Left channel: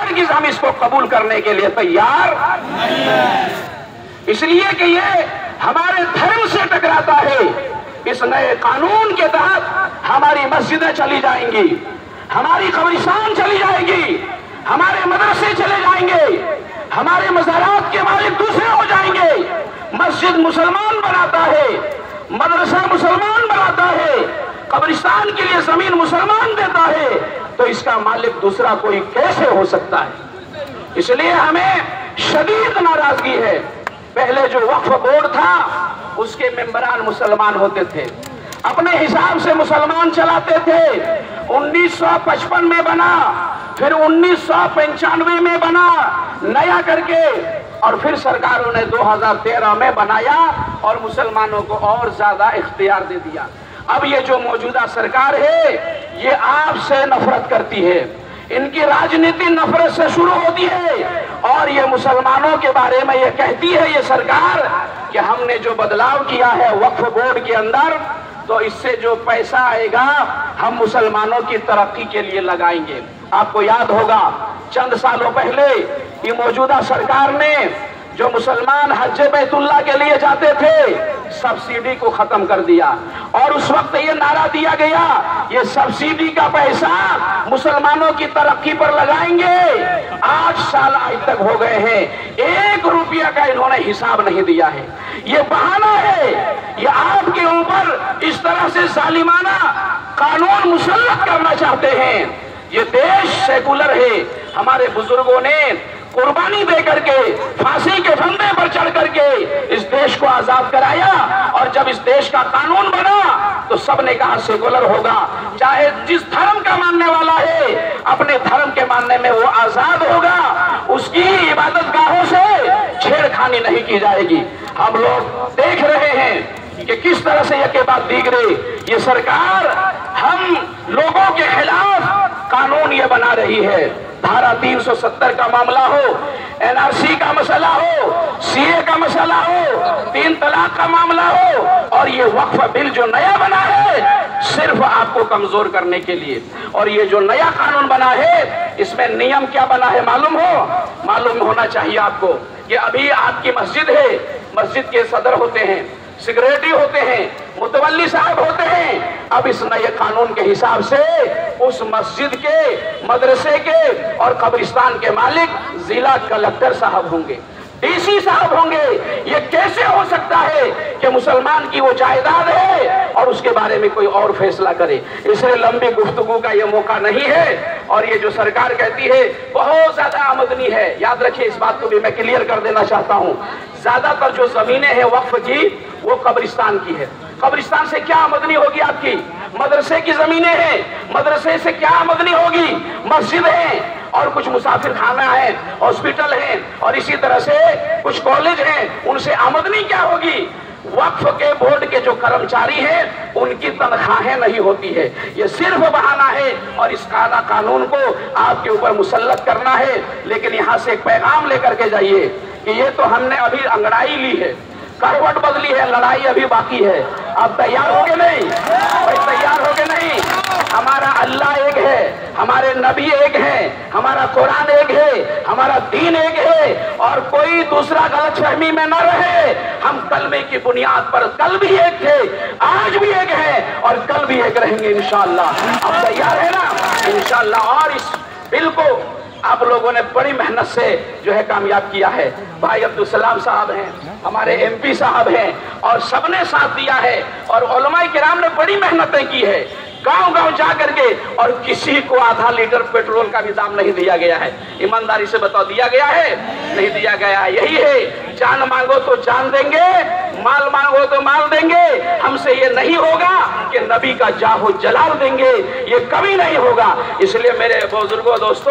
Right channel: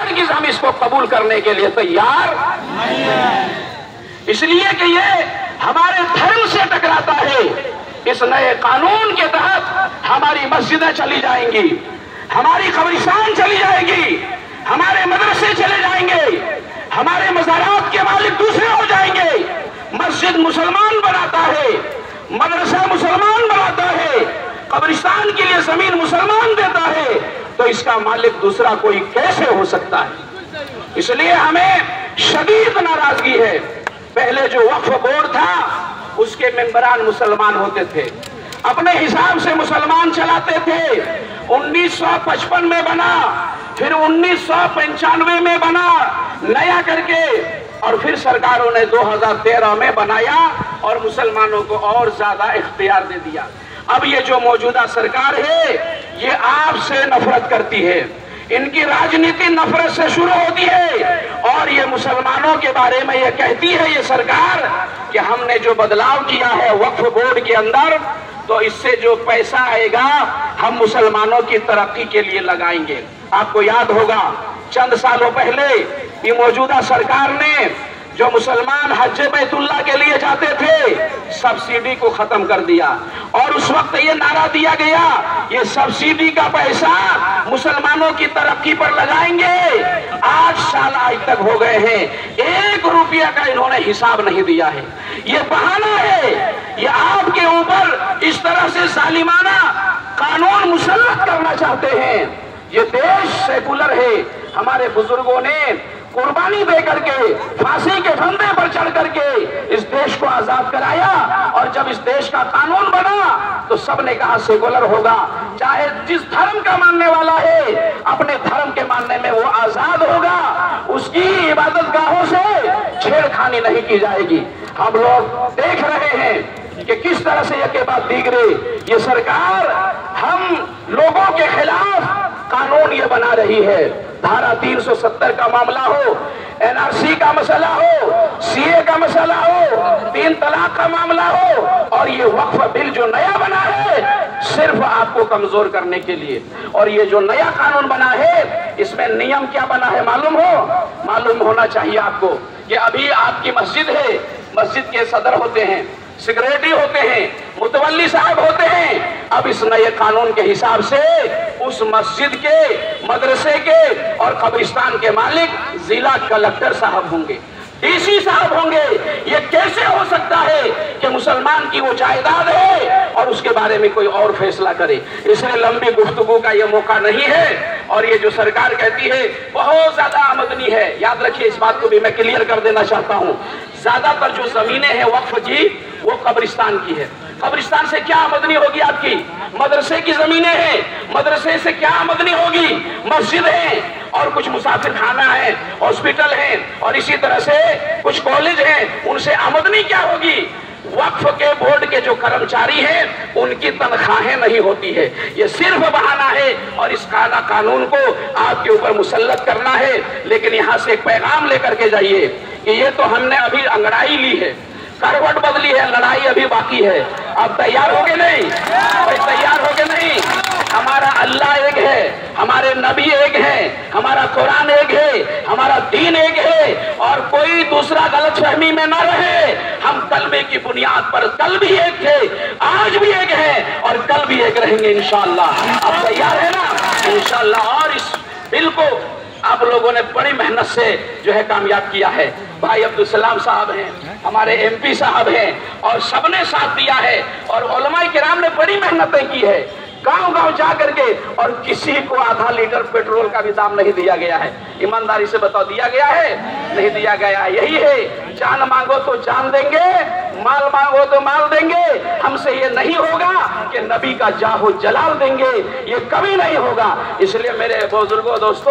ہرگز ہم اس کو قبول کرنے کے لیے تیار نہیں ہیں، اس لیے کہ یہ ہمارے دھرم سے ٹکراتا ہے۔ اس نئے قانون کے تحت ہماری مسجدیں چلی جائیں گی، ہماری قبرستان چلی جائے گی، ہمارے مدرسے چلے جائیں گے، ہمارے مزارات کے مالک دوسرے ہو جائیں گے۔ مسجد مسلمان بناتا ہے، مدرسہ مسلمان بناتا ہے، قبرستان کے لیے زمین مسلمان دیتا ہے، تو اس کا مالک دوسرا کوئی کیسے ہو سکتا ہے؟ اس لیے ہمیں شدید ناراضگی ہے۔ پہلے جو وقف بورڈ تھا اس کے ممبران مسلمان ہوتے تھے، اپنے حساب سے مسلمان چلاتے تھے۔ 1955 میں بنا، پھر 1995 میں بنا نیا کر کے، اور پھر سرکاروں نے 2013 میں بنایا اور مسلمانوں کو اور زیادہ اختیار دے دیا۔ اب یہ جو موجودہ سرکار ہے یہ آپ سے نفرت کرتی ہے، ان کی راجنیتی نفرت سے شروع ہوتی ہے، اور یہ مسلمانوں کے بارے میں یہ کہتی ہے یہ سرکار کہ ہم نے جو بدلاؤ کیا ہے وقف بورڈ کے اندر، تو اس سے جو پیسہ آئے گا ہم مسلمانوں کی ترقی کے لیے لگائیں گے۔ آپ کو یاد ہوگا چند سالوں پہلے یہ موجودہ سرکار نے جو مسلمان حج بیت اللہ کے لیے جاتے تھے سبسڈی کو ختم کر دیا، اور اس وقت یہ نعرہ دیا گیا یہ سبسڈی کا پیسہ مسلمانوں کی ترقی پر لگائیں گے۔ 8 سال آج تک ہو گئے ہیں، 1 روپیہ کا انہوں نے حساب نہیں دیا ہے۔ یہ بہانہ ہے، یہ آپ کے اوپر اس طرح سے ظالمانہ قانون مسلط کرنا چاہتے ہیں۔ یہ دیش سیکولر ہے، ہمارے بزرگوں نے قربانی دے کر کے پھانسی کے پھندے پر چڑھ کر کے اس دیش کو آزاد کرایا، اور جب اس دیش کا قانون بنا تو سب نے کہا سیکولر ہوگا، چاہے جس دھرم کا ماننے والا ہے اپنے دھرم کے ماننے میں وہ آزاد ہوگا، اس کی عبادت گاہوں سے چھیڑ خانی نہیں کی جائے گی۔ ہم لوگ دیکھ رہے ہیں کہ کس طرح سے یہ بعد دیگرے یہ سرکار ہم لوگوں کے خلاف قانون یہ بنا رہی ہے۔ دھارا 370 کا معاملہ ہو، NRC کا مسئلہ ہو، CA کا مسئلہ ہو، 3 طلاق کا معاملہ ہو، اور یہ وقف بل جو نیا بنا ہے صرف آپ کو کمزور کرنے کے لیے۔ اور یہ جو نیا قانون بنا ہے اس میں نیم کیا بنا ہے معلوم ہونا چاہیے آپ کو کہ ابھی آپ کی مسجد ہے، مسجد کے صدر ہوتے ہیں، سیکریٹری ہوتے ہیں، متولی صاحب ہوتے ہیں۔ اب اس نئے قانون کے حساب سے اس مسجد کے، مدرسے کے اور قبرستان کے مالک ضلع کلکٹر صاحب ہوں گے، DC صاحب ہوں گے۔ یہ کیسے ہو سکتا ہے کہ مسلمان کی وہ جائیداد ہے اور اس کے بارے میں کوئی اور فیصلہ کرے؟ اس لیے لمبی گفتگو کا یہ موقع نہیں ہے، اور یہ جو سرکار کہتی ہے بہت زیادہ آمدنی ہے، یاد رکھیے اس بات کو بھی میں کلیئر کر دینا چاہتا ہوں۔ زیادہ تر جو زمینیں ہیں وقف کی وہ قبرستان کی ہے۔ قبرستان سے کیا آمدنی ہوگی آپ کی؟ مدرسے کی زمینیں ہیں، مدرسے سے کیا آمدنی ہوگی؟ مسجد ہیں، اور کچھ مسافر خانہ ہیں، ہاسپٹل ہیں، اور اسی طرح سے کچھ کالج ہیں، ان سے آمدنی کیا ہوگی؟ وقف کے بورڈ کے جو کرمچاری ہیں ان کی تنخواہیں نہیں ہوتی ہے۔ یہ صرف بہانہ ہے، اور اس کالا قانون کو آپ کے اوپر مسلط کرنا ہے۔ لیکن یہاں سے ایک پیغام لے کر کے جائیے کہ یہ تو ہم نے ابھی انگڑائی لی ہے، کروٹ بدلی ہے، لڑائی ابھی باقی ہے۔ آپ تیار ہو گے نہیں؟ بھائی تیار ہو گے نہیں؟ ہمارا اللہ ایک ہے، ہمارے نبی ایک ہے، ہمارا قرآن ایک ہے، ہمارا دین ایک ہے، اور کوئی دوسرا غلط فہمی میں نہ رہے۔ ہم کلمے کی بنیاد پر کل بھی ایک تھے، آج بھی ایک ہے، اور کل بھی ایک رہیں گے انشاءاللہ۔ آپ تیار ہے نا؟ انشاءاللہ۔ اور اس بل کو آپ لوگوں نے بڑی محنت سے جو ہے کامیاب کیا ہے۔ بھائی عبدالسلام صاحب ہیں، ہمارے MP صاحب ہیں، اور سب نے ساتھ دیا ہے، اور علماء کرام نے بڑی محنتیں کی ہے، گاؤں گاؤں جا کر کے، اور کسی کو آدھا لیٹر پیٹرول کا بھی دام نہیں دیا گیا ہے۔ ایمانداری سے بتاؤ دیا گیا ہے؟ نہیں دیا گیا ہے۔ یہی ہے، جان مانگو تو جان دیں گے، مال مانگو تو مال دیں گے۔ ہم سے یہ نہیں ہوگا کہ نبی کا جاہ و جلال دیں گے، یہ کبھی نہیں ہوگا۔ اس لیے میرے بزرگوں دوستو،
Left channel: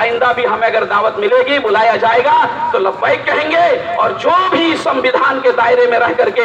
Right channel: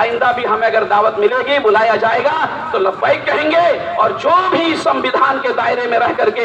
آئندہ بھی ہمیں اگر دعوت ملے گی، بلایا جائے گا تو لبیک کہیں گے، اور جو بھی سنویدھان کے دائرے میں رہ کر کے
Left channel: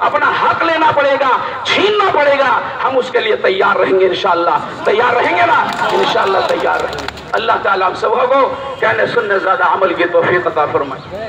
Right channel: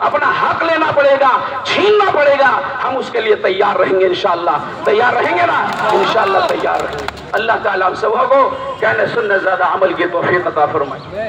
اپنا حق لینا پڑے گا، چھیننا پڑے گا، ہم اس کے لیے تیار رہیں گے انشاءاللہ۔ تیار رہیں گے نا؟ انشاءاللہ تیار رہیں گے۔ اللہ تعالیٰ ہم سب کو کہنے سننے زیادہ عمل کی توفیق عطا فرمائے۔